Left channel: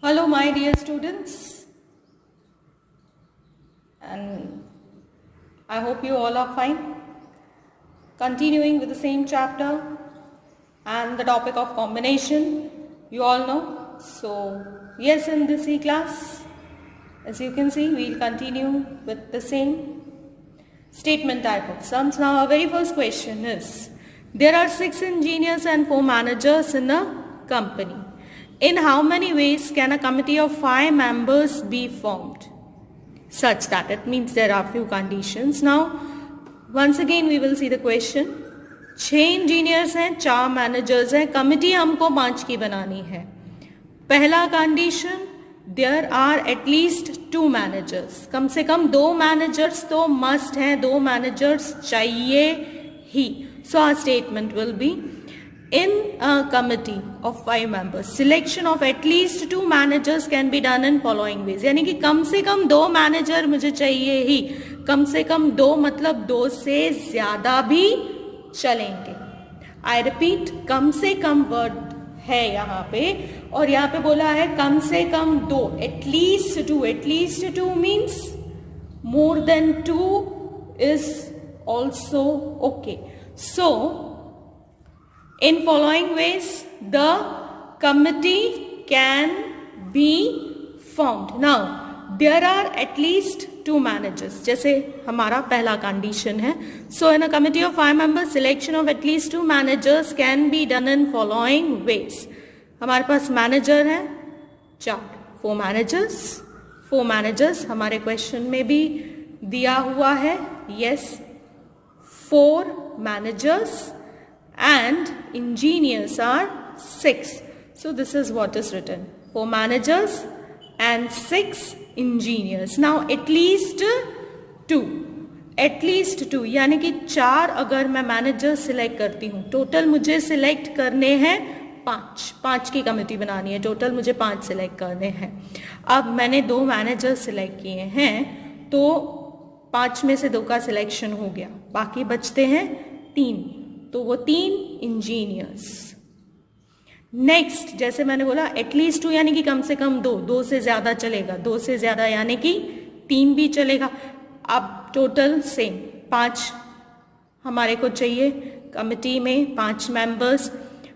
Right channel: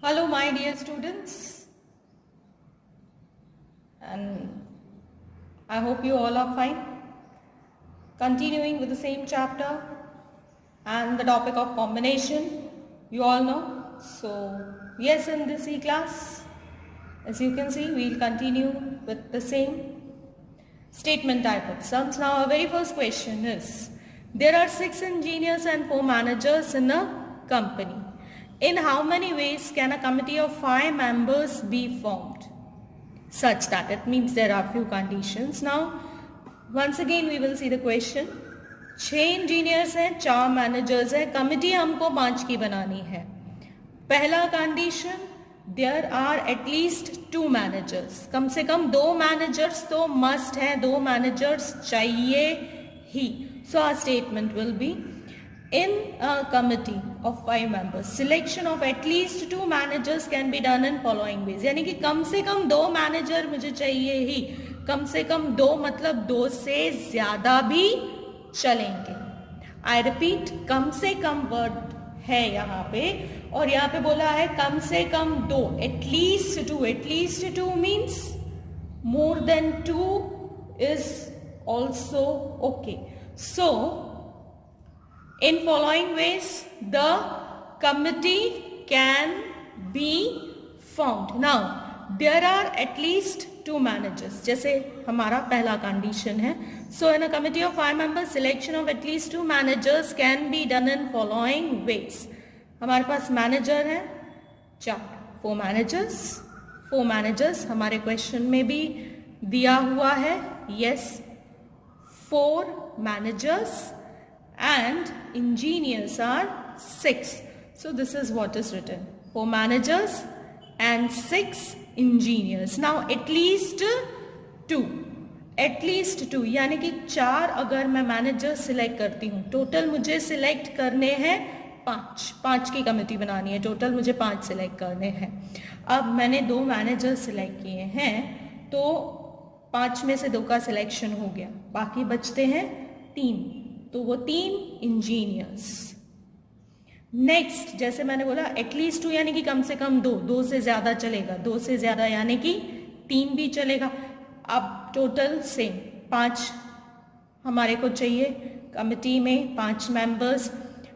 Hello, my dear students, and I hope you all are fine. Continuing with the same chapter and the topic of combination, you all know. So, yes, in this E-class, as you can see, we'll continue with the same statement type of sums. Now, our very first question is, there are 6 engineers and 4 managers in a company. In how many ways can a committee of 5 members be formed? Such that it means there are few conditions. Now, once again we will see the question. 6 engineers हैं, 4 managers हैं, committee हमको 5 की बनानी है. पहला condition, there are at least 2 managers. कम से कम 2 managers तो must हैं, 2 managers चाहिए ही. So our statement will be, in a committee of 5 members, selection of at least 2 managers can be done in following ways. यानी कि कम से कम 2 मैनेजर मुझे चाहिए ही. कम से कम 2 मतलब 2 से ज़्यादा भी चलेंगे. I repeat, कम से कम वर्ड है यहाँ पे, और यहाँ पे बोला है कम से कम 2, at least 2. At least 2 means more than 2 is also okay. So in following ways, the committee can be formed. Now, there are at least 2 managers. जैसे हमारा पहला condition है. So, in a committee of 5 members, selection of at least 2 managers can be done in following ways. हमारे पास manager है 4, 4 managers. 4 managers हमारे question में भी दिया हुआ है. Yes, 4 managers. And engineers are 6. So this is what is written. 4 managers and 6 engineers. Now at least 2. At least 2 यानी कि 4 अगर मैं मैनेजर सिलेक्ट करती हूँ, टोटल मुझे सिलेक्ट करने हैं 5 की कमेटी बनानी है, टोटल मुझे 5 सिलेक्ट करने हैं. अब मैंने 2 मैनेजर सिलेक्ट किए हैं, तो 5 में से 2 का सिलेक्शन हो गया, बाकी बचते हैं 3, तो वो 3 इंजीनियर्स. नेक्स्ट, जैसे मैंने बोला एटलीस्ट 2 यानी कि कम से कम 2 से ज़्यादा चलेगा, 2 से ज़्यादा यानी कि 3 भी चलेगा. अब टोटल सेम 5 हमारे को चाहिए. कमिटी में 5 मेंबर्स.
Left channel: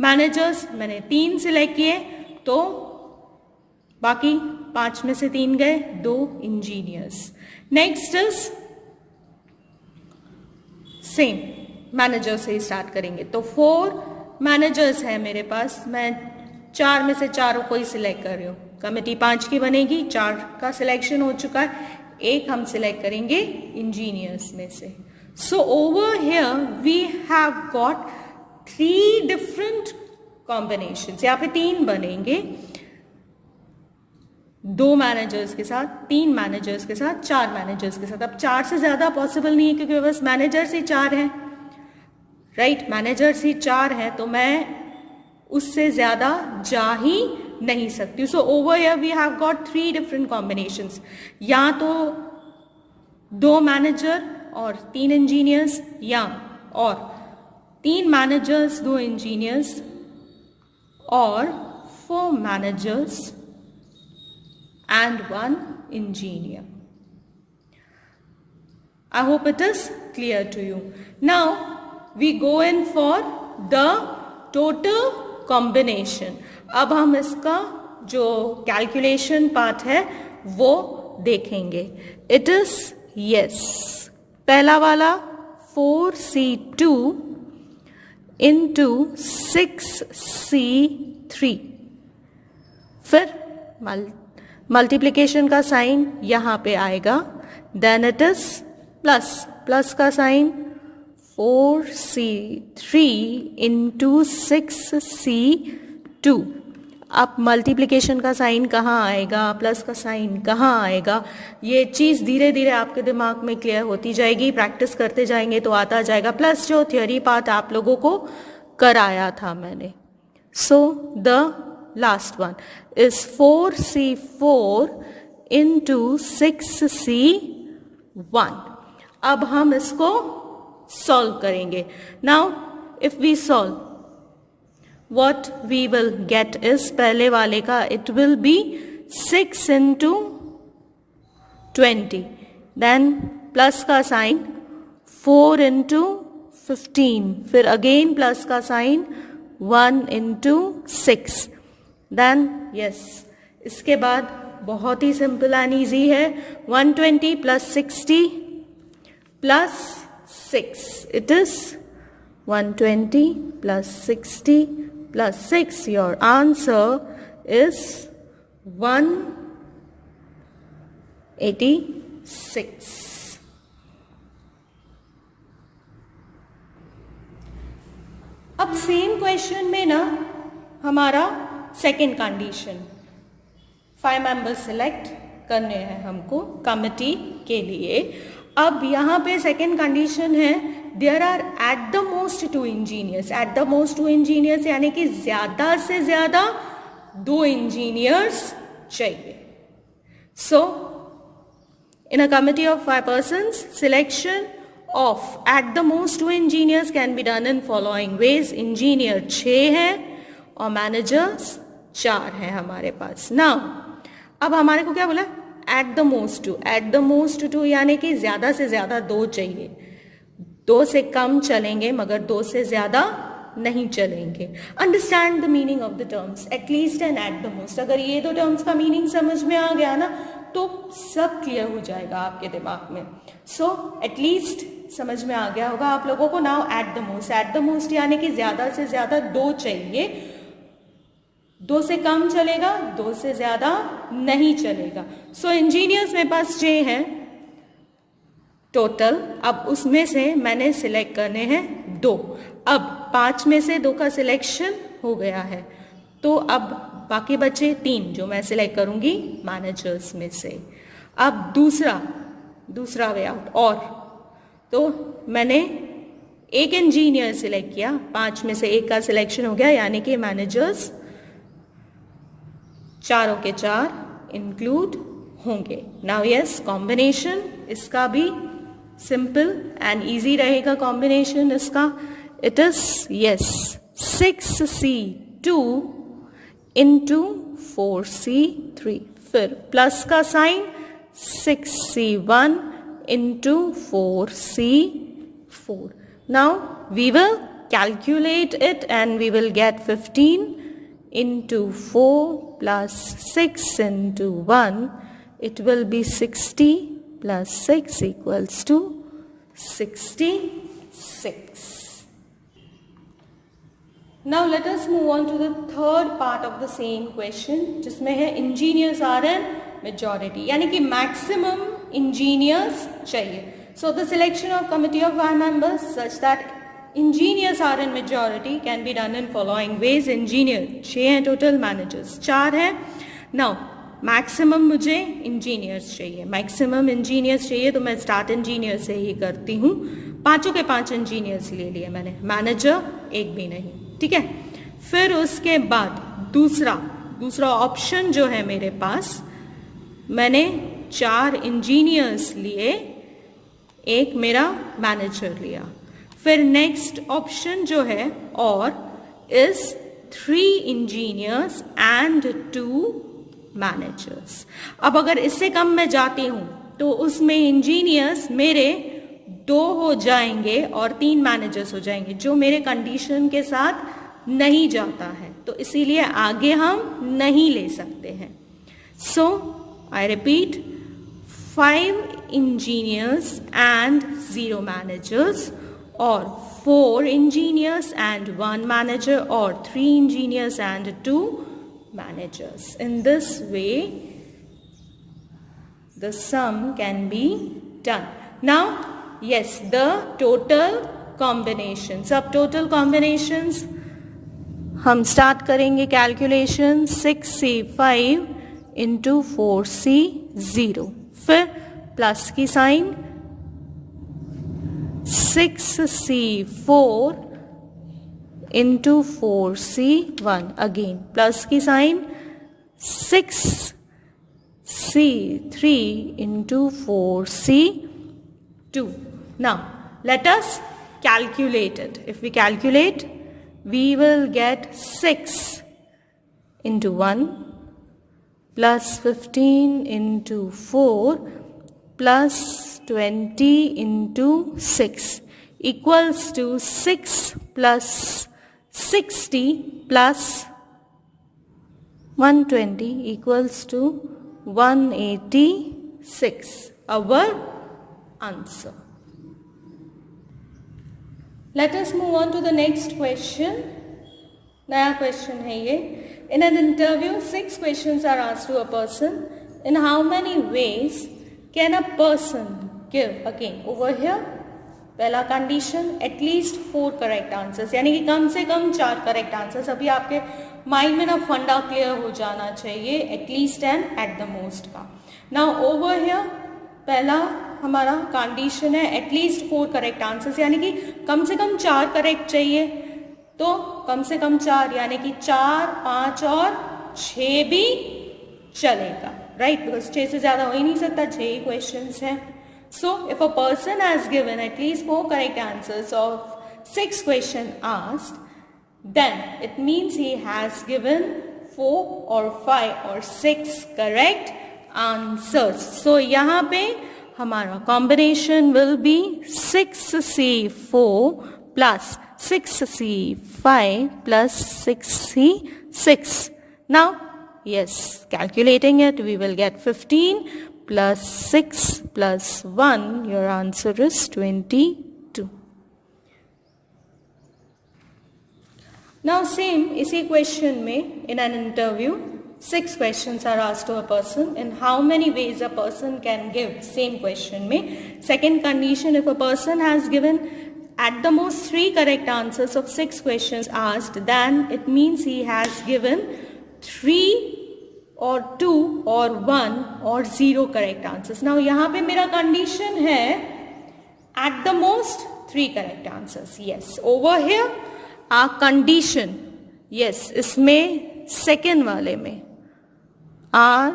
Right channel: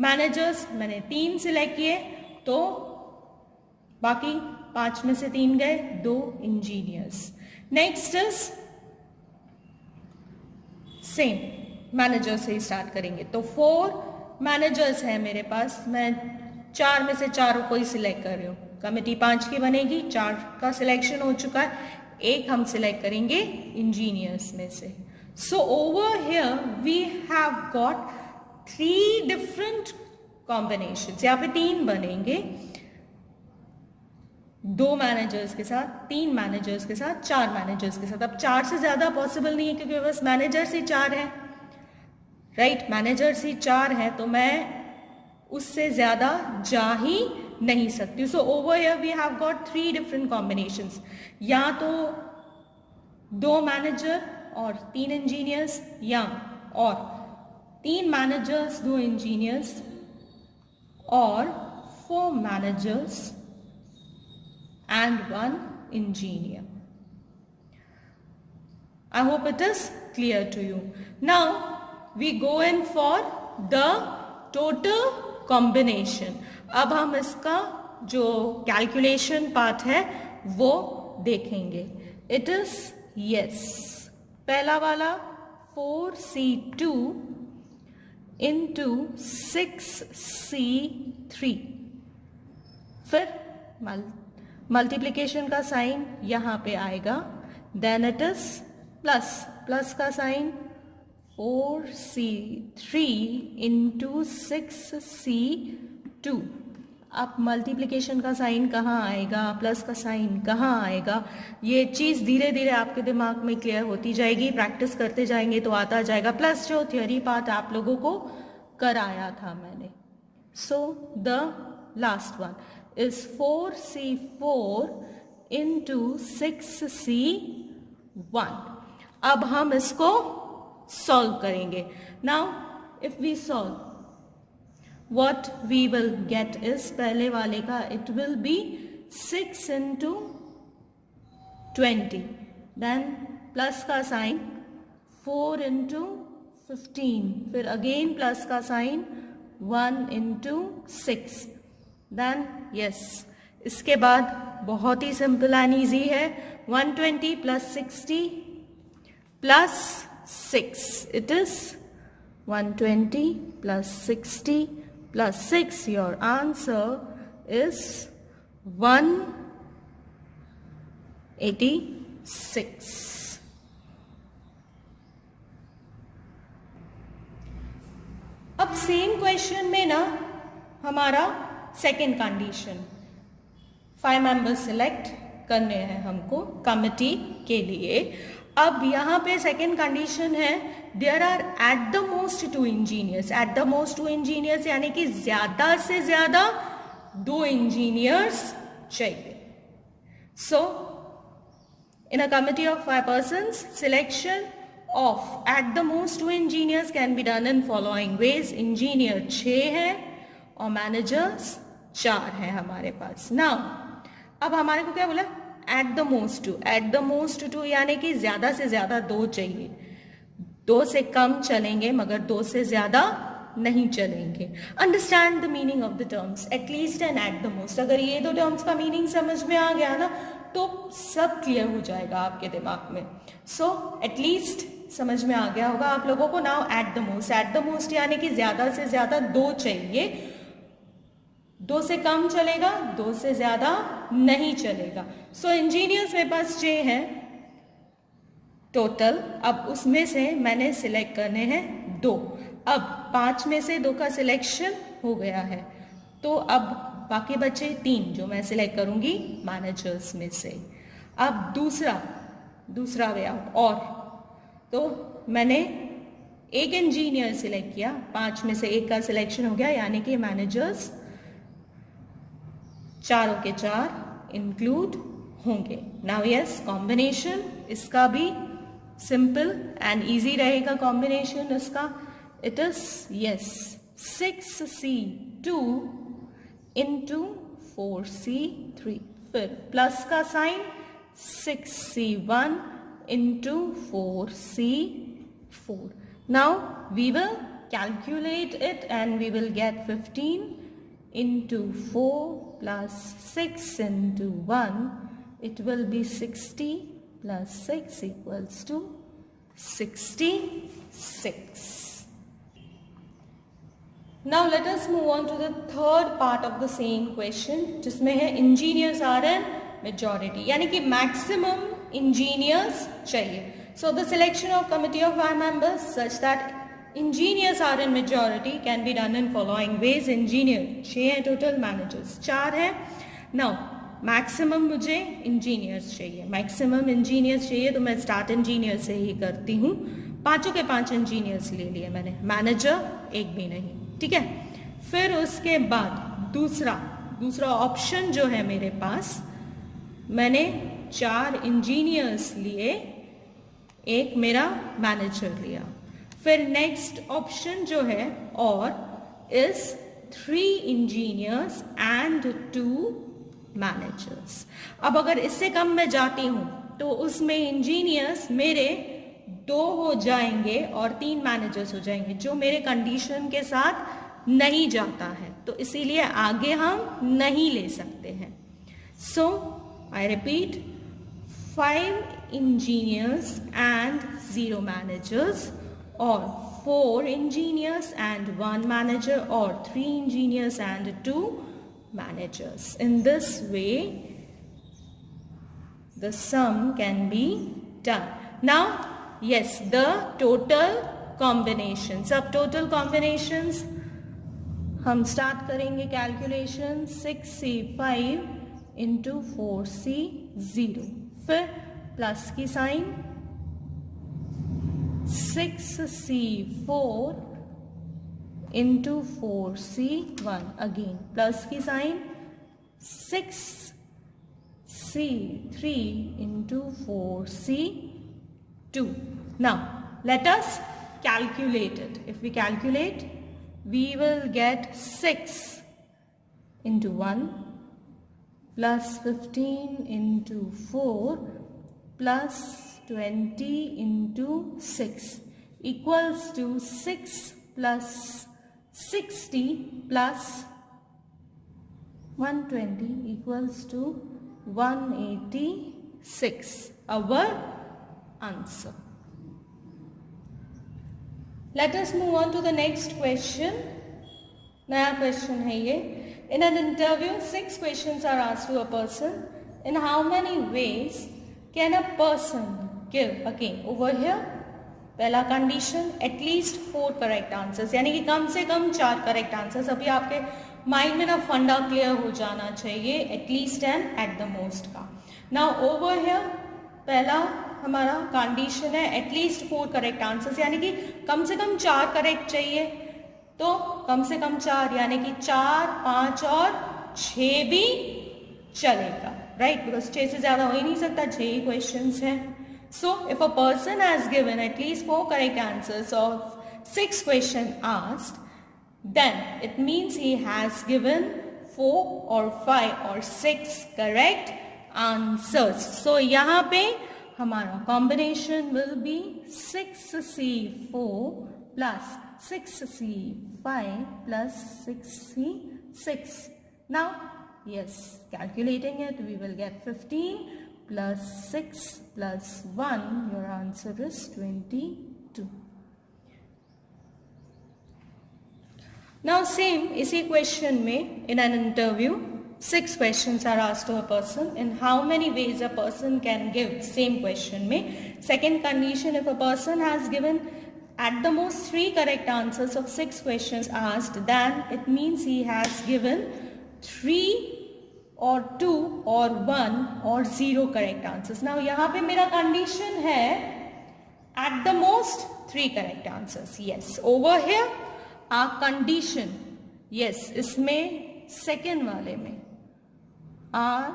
मैनेजर्स मैंने 3 सिलेक्ट किए, तो बाकी 5 में से 3 गए, 2 engineers. Next is same, manager से ही स्टार्ट करेंगे. तो 4 मैनेजर्स हैं मेरे पास, मैं 4 में से 4 को ही सिलेक्ट कर रही हूँ. कमेटी 5 की बनेगी, 4 का सिलेक्शन हो चुका है, 1 हम सिलेक्ट करेंगे इंजीनियर्स में से. So over here we have got 3 different combinations. यहाँ पे 3 बनेंगे, 2 मैनेजर्स के साथ, 3 मैनेजर्स के साथ, 4 मैनेजर्स के साथ. अब 4 से ज़्यादा पॉसिबल नहीं है क्योंकि बस मैनेजर्स ही 4 हैं, राइट. मैनेजर्स ही 4 है, तो मैं उससे ज़्यादा जा ही नहीं सकती. So over here we have got 3 different combinations. या तो 2 मैनेजर और 3 इंजीनियर्स, या और 3 मैनेजर्स 2 इंजीनियर्स, और 4 managers and 1 engineer. I hope it is clear to you. Now we go in for the total combination. अब हम इसका जो calculation part है वो देखेंगे. It is yes, पहला वाला 4C2 into 6C3. फिर मल्टीप्लिकेशन का साइन यहाँ पे आएगा, देन इट इज प्लस का साइन 4C3 इंटू 6C2. अब मल्टीप्लिकेशन का साइन कहाँ आएगा, प्लस का साइन कहाँ आएगा, ये चीज़ धीरे धीरे आपके दिमाग में क्लियर होती जाएगी. प्रैक्टिस करते जाएंगे तो आता जाएगा. प्लस जो थियोरी पार्ट आप लोगों को कराया था मैंने. So the last one is 4C4 into 6C1. अब हम इसको सॉल्व करेंगे. Now if we solve what we will get is, पहले वाले का it will be 6 into 20, then plus का साइन 4 into 15, फिर अगेन प्लस का साइन 1 into 6, देन यस, इसके बाद बहुत ही सिंपल एंड ईजी है, 120 plus 60 plus 6, it is 120 plus 60 plus 6. Your answer is 186. अब सेम क्वेश्चन में ना हमारा सेकेंड कंडीशन, 5 मेंबर्स सिलेक्ट करने हैं हमको कमिटी के लिए. अब यहाँ पे सेकेंड कंडीशन है, there are at the most 2 engineers. At the most 2 engineers यानी कि ज्यादा से ज्यादा 2 इंजीनियर्स चाहिए. So in a committee of 5 persons, selection of at the most 2 engineers can be done in following ways. Engineer 6 हैं और managers 4 हैं हमारे पास. नाउ अब हमारे को क्या बोला, eight the most 2. Eight the most 2 यानी कि ज्यादा से ज्यादा 2 चाहिए. 2 से कम चलेंगे मगर 2 से ज्यादा नहीं चलेंगे. Understand the meaning of the terms, at least and eight the most. अगर ये 2 टर्म्स का मीनिंग समझ में आ गया ना तो सब क्लियर हो जाएगा आपके दिमाग में. सो एटलीस्ट समझ में आ गया होगा आप लोगों को. Now at the most. Eight the most यानी कि ज्यादा से ज्यादा 2 चाहिए. 2 से कम चलेगा, 2 से ज्यादा नहीं चलेगा. सो इंजीनियर्स मेरे पास 6 हैं टोटल. अब उसमें से मैंने सिलेक्ट करने हैं 2. अब 5 में से 2 का सिलेक्शन हो गया है, तो अब बाकी बचे 3 जो मैं सिलेक्ट करूंगी मैनेजर्स में से. अब दूसरा वे आउट, और तो मैंने एक इंजीनियर सिलेक्ट किया, 5 में से 1 का सिलेक्शन हो गया, यानी कि मैनेजर्स चारों के 4 इंक्लूड होंगे. नाउ यस, कॉम्बिनेशन इसका भी सिंपल एंड इजी रहेगा. कॉम्बिनेशन इसका it is yes 6C2 into 4C3, फिर प्लस का sign 6C1 into 4C4. Now we will calculate it and we will get 15 into 4 plus 6 into 1, it will be 60 plus 6 equals to 66. Now let us move on to the third part of the same question, जिसमें है engineers are in majority, यानी कि maximum engineers चाहिए. So the selection of committee of 5 members such that engineers are in majority can be done in following ways. Engineer 6 हैं टोटल, managers 4 हैं. Now maximum मुझे engineers चाहिए, मैक्सिमम इंजीनियर्स चाहिए, तो मैं स्टार्ट इंजीनियर से ही करती हूँ. 5 के 5 इंजीनियर्स ले लिए मैंने, मैनेजर एक भी नहीं. ठीक है, फिर उसके बाद दूसरा ऑप्शन जो है मेरे पास, मैंने 4 इंजीनियर्स लिए, एक मेरा मैनेजर लिया. फिर नेक्स्ट ऑप्शन जो है और इज 3 इंजीनियर्स एंड 2 मैनेजर्स. अब अगर इससे कम मैं जाती हूं तो उसमें इंजीनियर्स मेरे 2 हो जाएंगे और 3 मैनेजर्स हो जाएंगे, जो मेरे कंडीशन के साथ नहीं जाता है, तो इसीलिए आगे हम नहीं ले सकते हैं. So I repeat, 5 engineers and 0 managers, or 4 engineers and 1 manager, or 3 engineers and 2 managers. In this way, the sum can be done. Now, yes, the total combinations, subtotal combinations, हम start करेंगे calculation. 6C5 into 4C0, फिर plus की sign 6C4 into 4C1, again plus की sign 6C3 into 4C2. Now let us calculate it. If we calculate we will get 6 into 1 plus 15 into 4 plus 20 into 6 equals to 6 plus 60 plus 120 equals to 186. Our answer. Let us move on to the next question. नया question है ये. In an interview, 6 questions are asked to a person. In how many ways can a person give? Again, over here, पहला condition, at least 4 correct answers. यानी कि कम से कम 4 correct answers. अभी आपके mind में ना फंडा क्लियर हो जाना चाहिए, at least and at the most का. Now over here, पहला हमारा कंडीशन है at least 4 करेक्ट आंसर्स, यानी कि कम से कम 4 करेक्ट चाहिए. तो कम से कम 4 यानी कि 4, 5 और 6 भी चलेगा, राइट, बिकॉज 6 से ज़्यादा हो ही नहीं सकता, 6 ही क्वेश्चंस है. So if a person has given at least 4 correct answers of 6 question asked, then it means he has given 4 or 5 or 6 correct answers. So यहाँ पे हमारा combination will be 6C4 plus 6C5 plus 6C6. Now, yes, calculating it, we will get 15 plus 6 plus 1. Your answer is 22. Now same इसी question में in an interview 6 questions are asked to a person. In how many ways a person can give? Same question में second condition, if a person has given at the most 3 correct answers of 6 questions asked, then it means he has given 3 or 2 or 1 or 0 correct answers. Now यहाँ पे मेरा condition है at the most 3 correct answers. Yes, over here our condition, yes, इसमें second वाले में our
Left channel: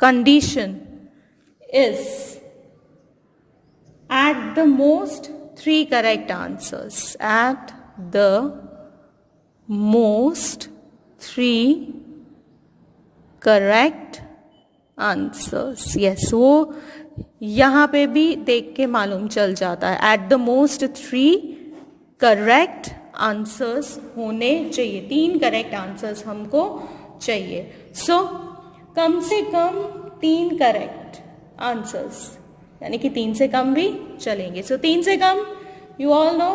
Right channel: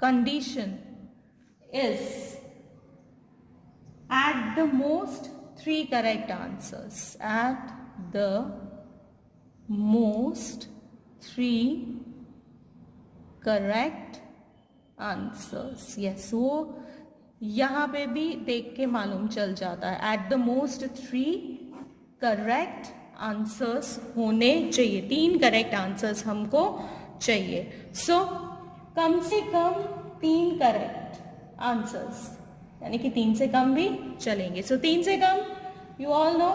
condition is at the most 3 correct answers. At the most 3 correct answers. Yes, वो यहाँ पे भी देख के मालूम चल जाता है. At the most 3 correct answers होने चाहिए, 3 करेक्ट आंसर्स हमको चाहिए. सो कम से कम 3 करेक्ट आंसर्स, यानी कि 3 से कम भी चलेंगे. सो 3 से कम, you all know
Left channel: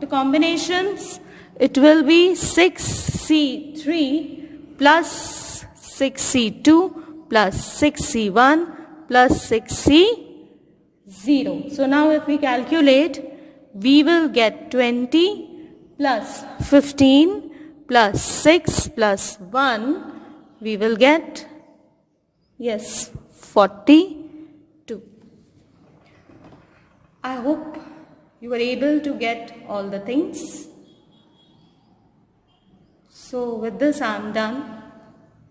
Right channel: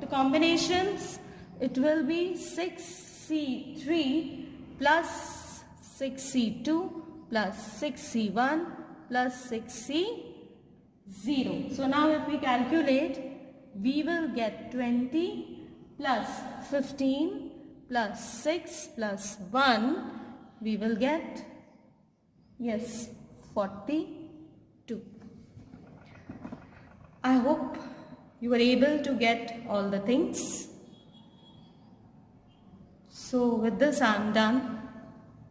the combinations, it will be 6C3 plus 6C2 plus 6C1 plus 6C0. So now if we calculate, we will get 20 plus 15 plus 6 plus 1, we will get, yes, 42. I hope you were able to get all the things. So with this I am done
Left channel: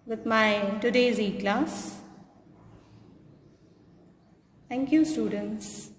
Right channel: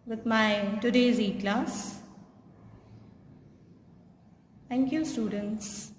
with my today's e-class. Thank you, students.